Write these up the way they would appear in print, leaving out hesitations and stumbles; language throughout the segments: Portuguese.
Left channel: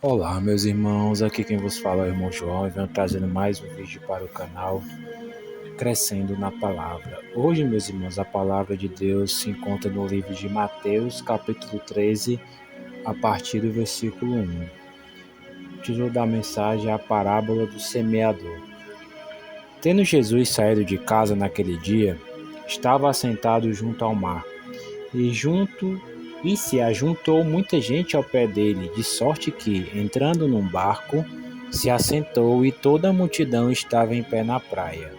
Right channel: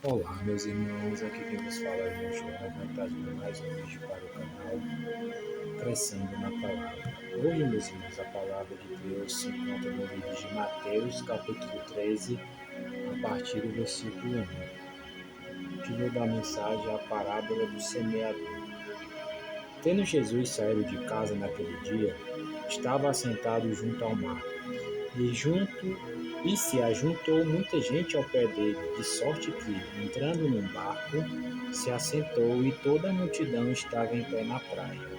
Olá, meus irmãos, aqui quem vos fala é o irmão João e venho trazendo mais um vídeo para o canal Crescendo na Palavra. Hoje, meus irmãos, a palavra de Deus se encontra no livro de Mateus, capítulo 13, a partir do versículo 1. O título da mensagem é a parábola do semeador. Tendo Jesus saído de casa naquele dia, estava assentado junto ao mar, e se ajuntou muita gente ao pé dele, de sorte que, entrando num barco, se assentou e toda a multidão estava em pé na praia.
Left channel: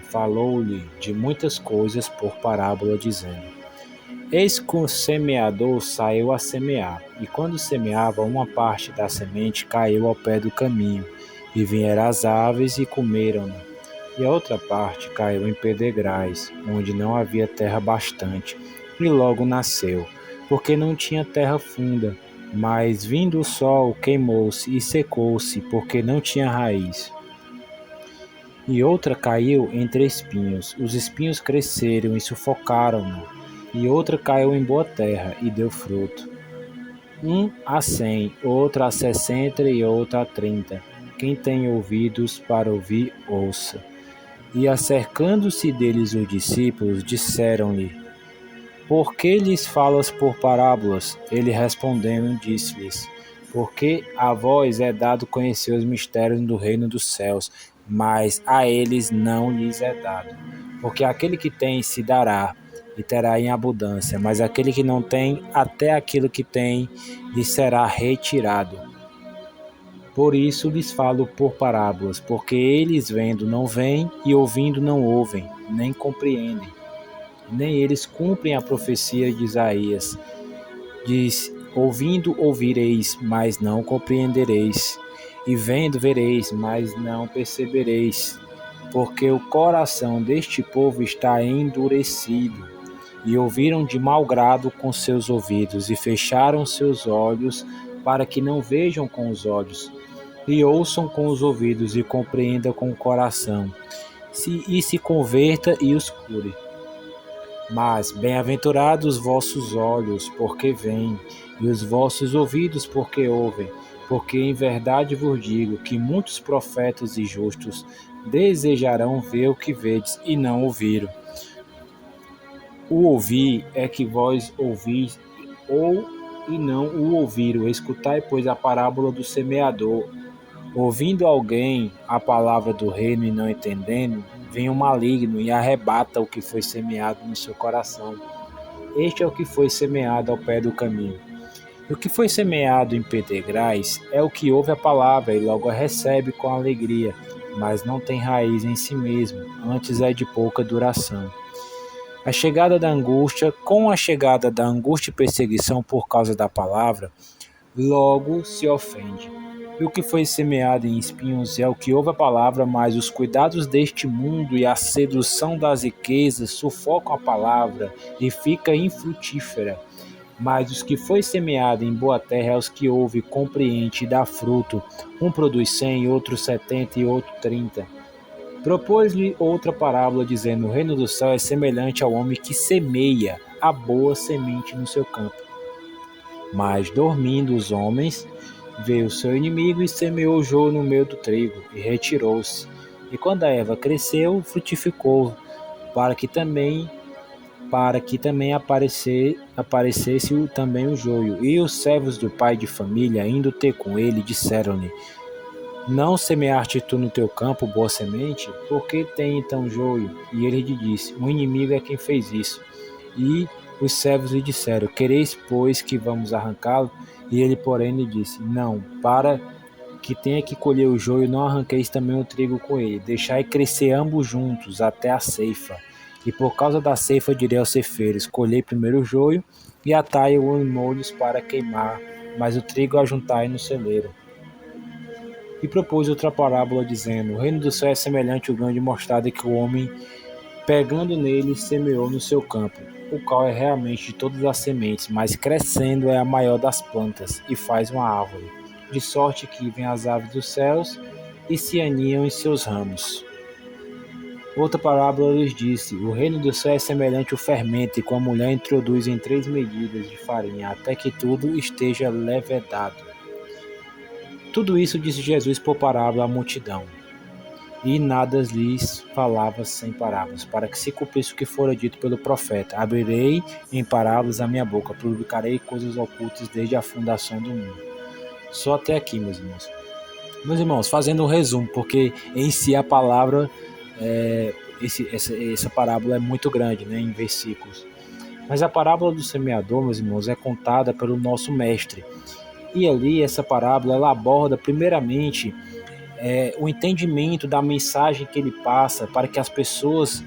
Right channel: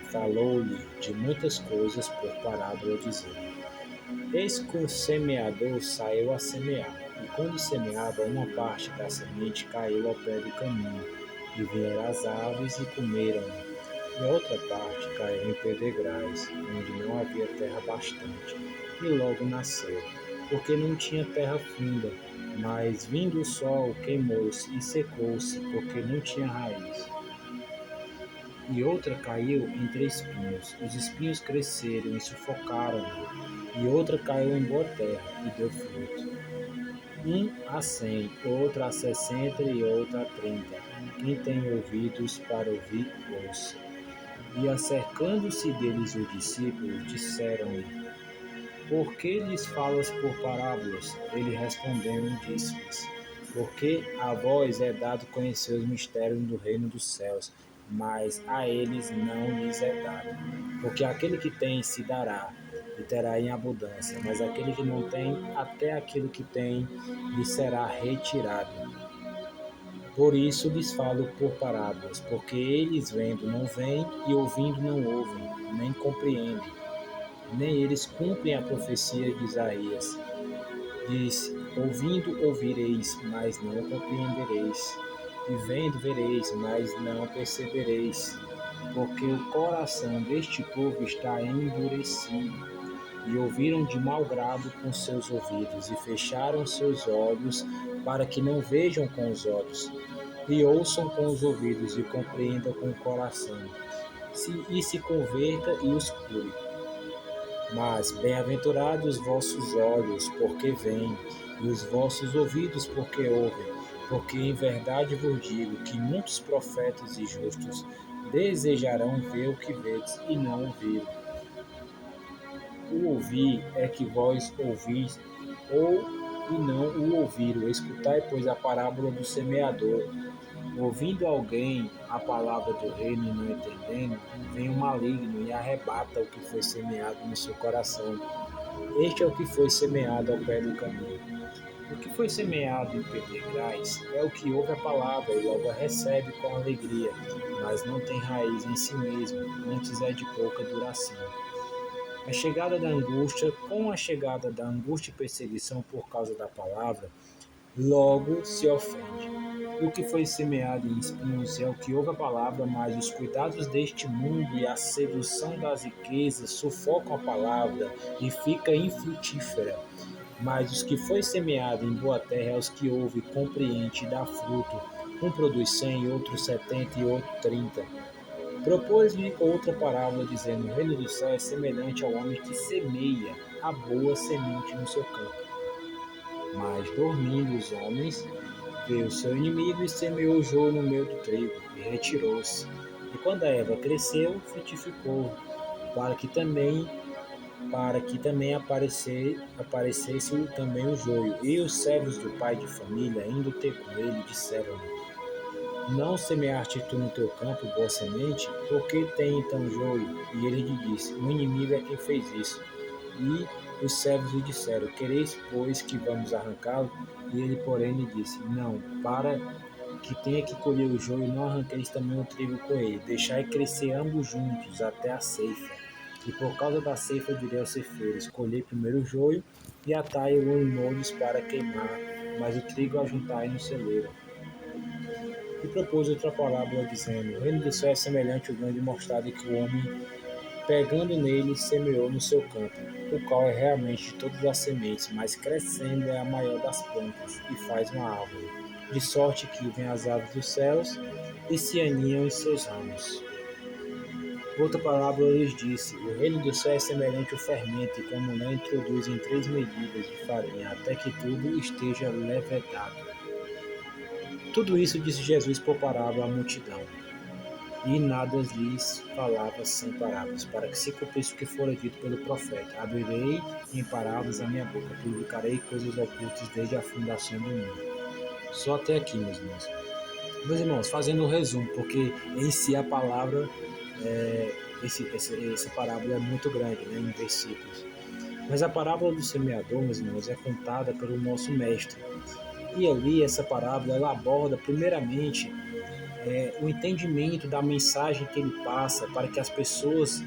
E falou-lhe de muitas coisas por parábola, dizendo: Eis que o semeador saiu a semear, e quando semeava, uma parte da semente caiu ao pé do caminho, e vieram as aves e comeram-no. E a outra parte caiu em pedregais, onde não havia terra bastante, e logo nasceu, porque não tinha terra funda. Mas vindo o sol, queimou-se e secou-se, porque não tinha raiz. E outra caiu entre espinhos, os espinhos cresceram e sufocaram-no. E outra caiu em boa terra e deu fruto. Um a 100, outro a 60 e outro a 30. Quem tem ouvidos para ouvir, ouça. E acercando-se deles os discípulos, disseram-lhe: Por que lhes falas por parábolas? Ele respondendo, disse-lhes: Porque a vós é dado conhecer os mistérios do reino dos céus, mas a eles não lhes é dado. Porque aquele que tem se dará, e terá em abundância, mas aquele que não tem, até aquilo que tem lhe será retirado. Por isso lhes falo por parábolas, porque eles vendo não veem, e ouvindo não ouvem, nem compreendem. Nem eles cumprem a profecia de Isaías. Diz: Ouvindo ouvireis, mas não compreendereis, e vendo vereis, mas não percebereis. Porque o coração deste povo está endurecido, e ouviram de mau grado com seus ouvidos, e fecharam seus olhos, para que não vejam com os olhos, e ouçam com os ouvidos, e compreendam com o coração, e se converta e os cure. Mas bem-aventurados os vossos olhos, porque veem, e os vossos ouvidos, porque ouvem. Porque em verdade vos digo que muitos profetas e justos desejarão ver o que vedes e não ouviram. O ouvir é que vós ouvis, ou e não o ouviram. Escutai, pois, a parábola do semeador. Ouvindo alguém a palavra do reino e não entendendo, vem o maligno e arrebata o que foi semeado no seu coração. Este é o que foi semeado ao pé do caminho. O que foi semeado em pedregais é o que ouve a palavra e logo a recebe com alegria, mas não tem raiz em si mesmo, antes é de pouca duração. Com a chegada da angústia e perseguição por causa da palavra, logo se ofende. E o que foi semeado em espinhos é o que ouve a palavra, mas os cuidados deste mundo e a sedução das riquezas sufocam a palavra e fica infrutífera. Mas os que foi semeado em boa terra é os que ouve, compreende e dá fruto. Um produz 100, outro 70 e outro 30. Propôs-lhe outra parábola, dizendo: O reino do céu é semelhante ao homem que semeia a boa semente no seu campo. Mas, dormindo os homens, veio seu inimigo e semeou o joio no meio do trigo, e retirou-se. E quando a erva cresceu, frutificou, para que também aparecesse também o joio. E os servos do pai de família, indo ter com ele, disseram-lhe: Não semeaste tu no teu campo boa semente? Por que tem então joio? E ele lhe disse: O inimigo é quem fez isso. E os servos lhe disseram: Quereis, pois, que vamos arrancá-lo? E ele, porém, lhe disse: Não, para que tenha que colher o joio, não arranqueis também o trigo com ele. Deixai crescer ambos juntos até a ceifa. E por causa da ceifa direi aos ceifeiros: Colhei primeiro o joio e atai-o em molhos para queimar, mas o trigo ajuntai no celeiro. E propôs outra parábola, dizendo: O reino do céu é semelhante ao grão de mostarda que o homem, pegando nele, semeou no seu campo, o qual é realmente de todas as sementes, mas crescendo é a maior das plantas, e faz uma árvore, de sorte que vêm as aves dos céus e se aninham em seus ramos. Outra parábola lhes disse: O reino do céu é semelhante ao fermento, que a mulher introduz em 3 medidas de farinha, até que tudo esteja levedado. tudo isso disse Jesus por parábola à multidão. E nada lhes falava sem parábolas, para que se cumprisse o que fora dito pelo profeta: abrirei em parábolas a minha boca, publicarei coisas ocultas desde a fundação do mundo. Só até aqui, meus irmãos. Meus irmãos, fazendo um resumo, porque em si a palavra, essa parábola é muito grande, né, em versículos. Mas a parábola do semeador, meus irmãos, é contada pelo nosso mestre. E ali, essa parábola, ela aborda primeiramente o entendimento da mensagem que ele passa, para que as pessoas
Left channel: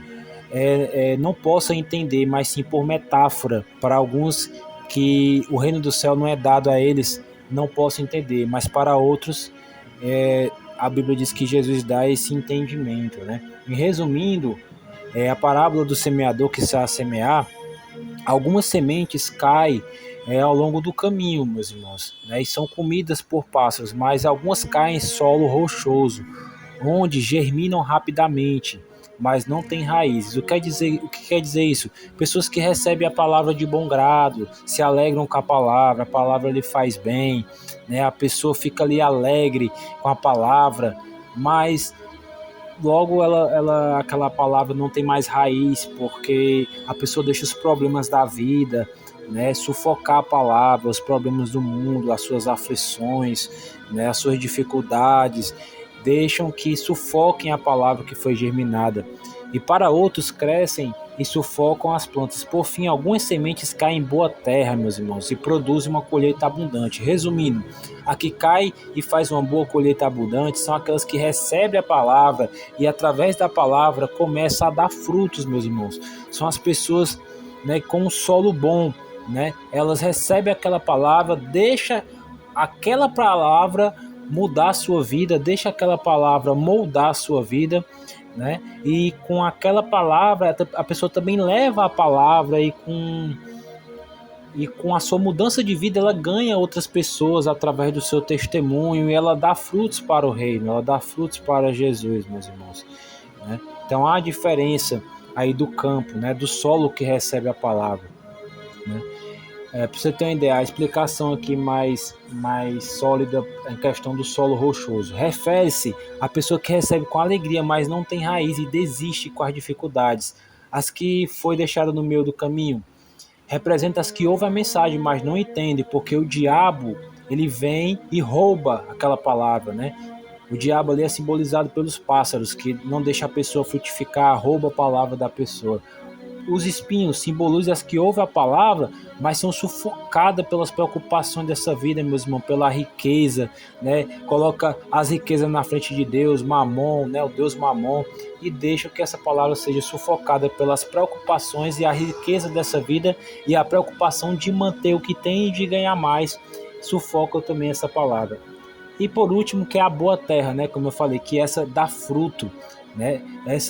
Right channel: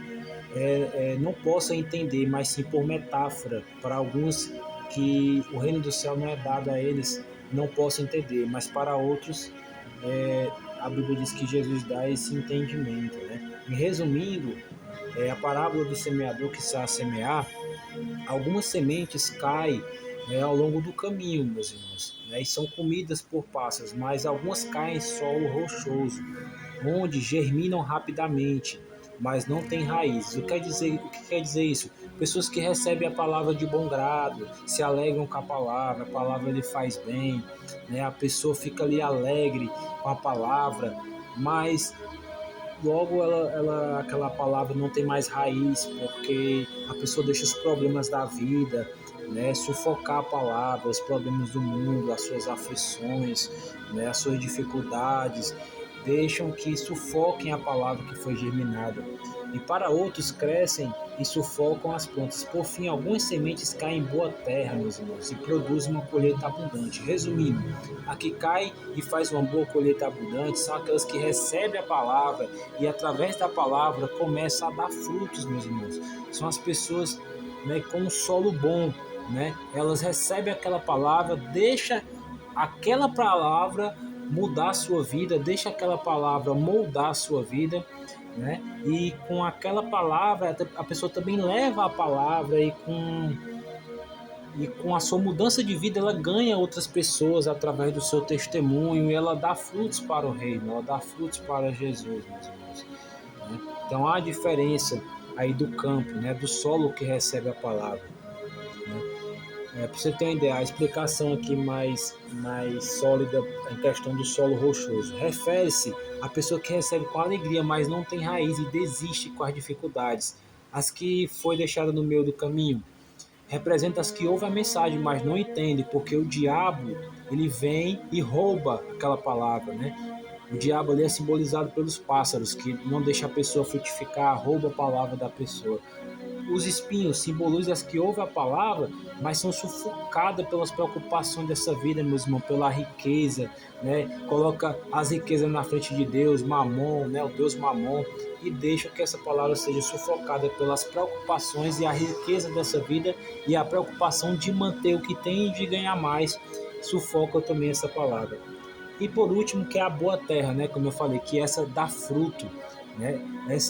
não possam entender, mas sim por metáfora, para alguns que o reino do céu não é dado a eles, não possam entender, mas para outros, a Bíblia diz que Jesus dá esse entendimento, né? E resumindo, a parábola do semeador que sai a semear, algumas sementes caem ao longo do caminho, meus irmãos, né, e são comidas por pássaros, mas algumas caem em solo rochoso, onde germinam rapidamente, mas não têm raízes. O que quer dizer isso? Pessoas que recebem a palavra de bom grado, se alegram com a palavra lhe faz bem, né, a pessoa fica ali alegre com a palavra, mas logo aquela palavra não tem mais raiz, porque a pessoa deixa os problemas da vida, né, sufocar a palavra, os problemas do mundo, as suas aflições, né, as suas dificuldades, deixam que sufoquem a palavra que foi germinada. E para outros crescem e sufocam as plantas. Por fim, algumas sementes caem em boa terra, meus irmãos, e produzem uma colheita abundante. Resumindo, a que cai e faz uma boa colheita abundante são aquelas que recebem a palavra e através da palavra começa a dar frutos, meus irmãos. São as pessoas, né, com um solo bom, né? Elas recebem aquela palavra, deixa aquela palavra mudar a sua vida, deixa aquela palavra moldar a sua vida, né? E com aquela palavra a pessoa também leva a palavra e com a sua mudança de vida, ela ganha outras pessoas através do seu testemunho e ela dá frutos para o reino, ela dá frutos para Jesus, meus irmãos, né? Então há a diferença aí do campo, né, do solo que recebe a palavra, né? Para você ter uma ideia, a explicação aqui mais sólida em questão do solo rochoso refere-se à pessoa que recebe com alegria, mas não tem raiz e desiste com as dificuldades. As que foi deixada no meio do caminho representa as que ouvem a mensagem, mas não entendem, porque o diabo ele vem e rouba aquela palavra, né? O diabo ali é simbolizado pelos pássaros, que não deixa a pessoa frutificar, rouba a palavra da pessoa. Os espinhos simbolizam as que ouvem a palavra, mas são sufocadas pelas preocupações dessa vida, meu irmão, pela riqueza, né? Coloca as riquezas na frente de Deus, Mamon, né? O Deus Mamon, e deixa que essa palavra seja sufocada pelas preocupações e a riqueza dessa vida e a preocupação de manter o que tem e de ganhar mais, sufoca também essa palavra. E por último, que é a boa terra, né? Como eu falei, que essa dá fruto, né?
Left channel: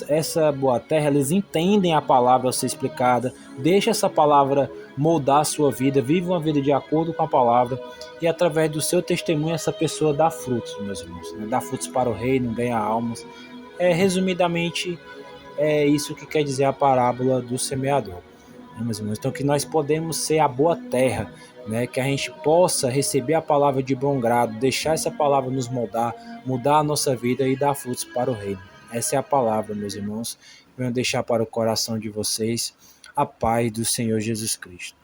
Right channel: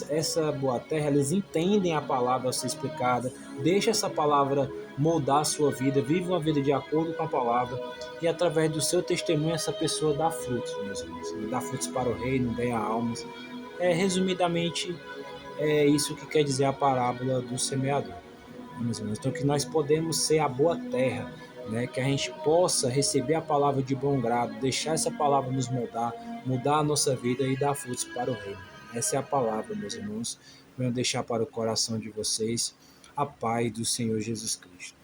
Essa boa terra, eles entendem a palavra a ser explicada, deixa essa palavra moldar a sua vida, vive uma vida de acordo com a palavra e através do seu testemunho essa pessoa dá frutos, meus irmãos, né? Dá frutos para o reino, ganha almas. Resumidamente, é isso que quer dizer a parábola do semeador, né, meus irmãos? Então que nós podemos ser a boa terra, né? Que a gente possa receber a palavra de bom grado, deixar essa palavra nos moldar, mudar a nossa vida e dar frutos para o reino. Essa é a palavra, meus irmãos. Venho deixar para o coração de vocês a paz do Senhor Jesus Cristo.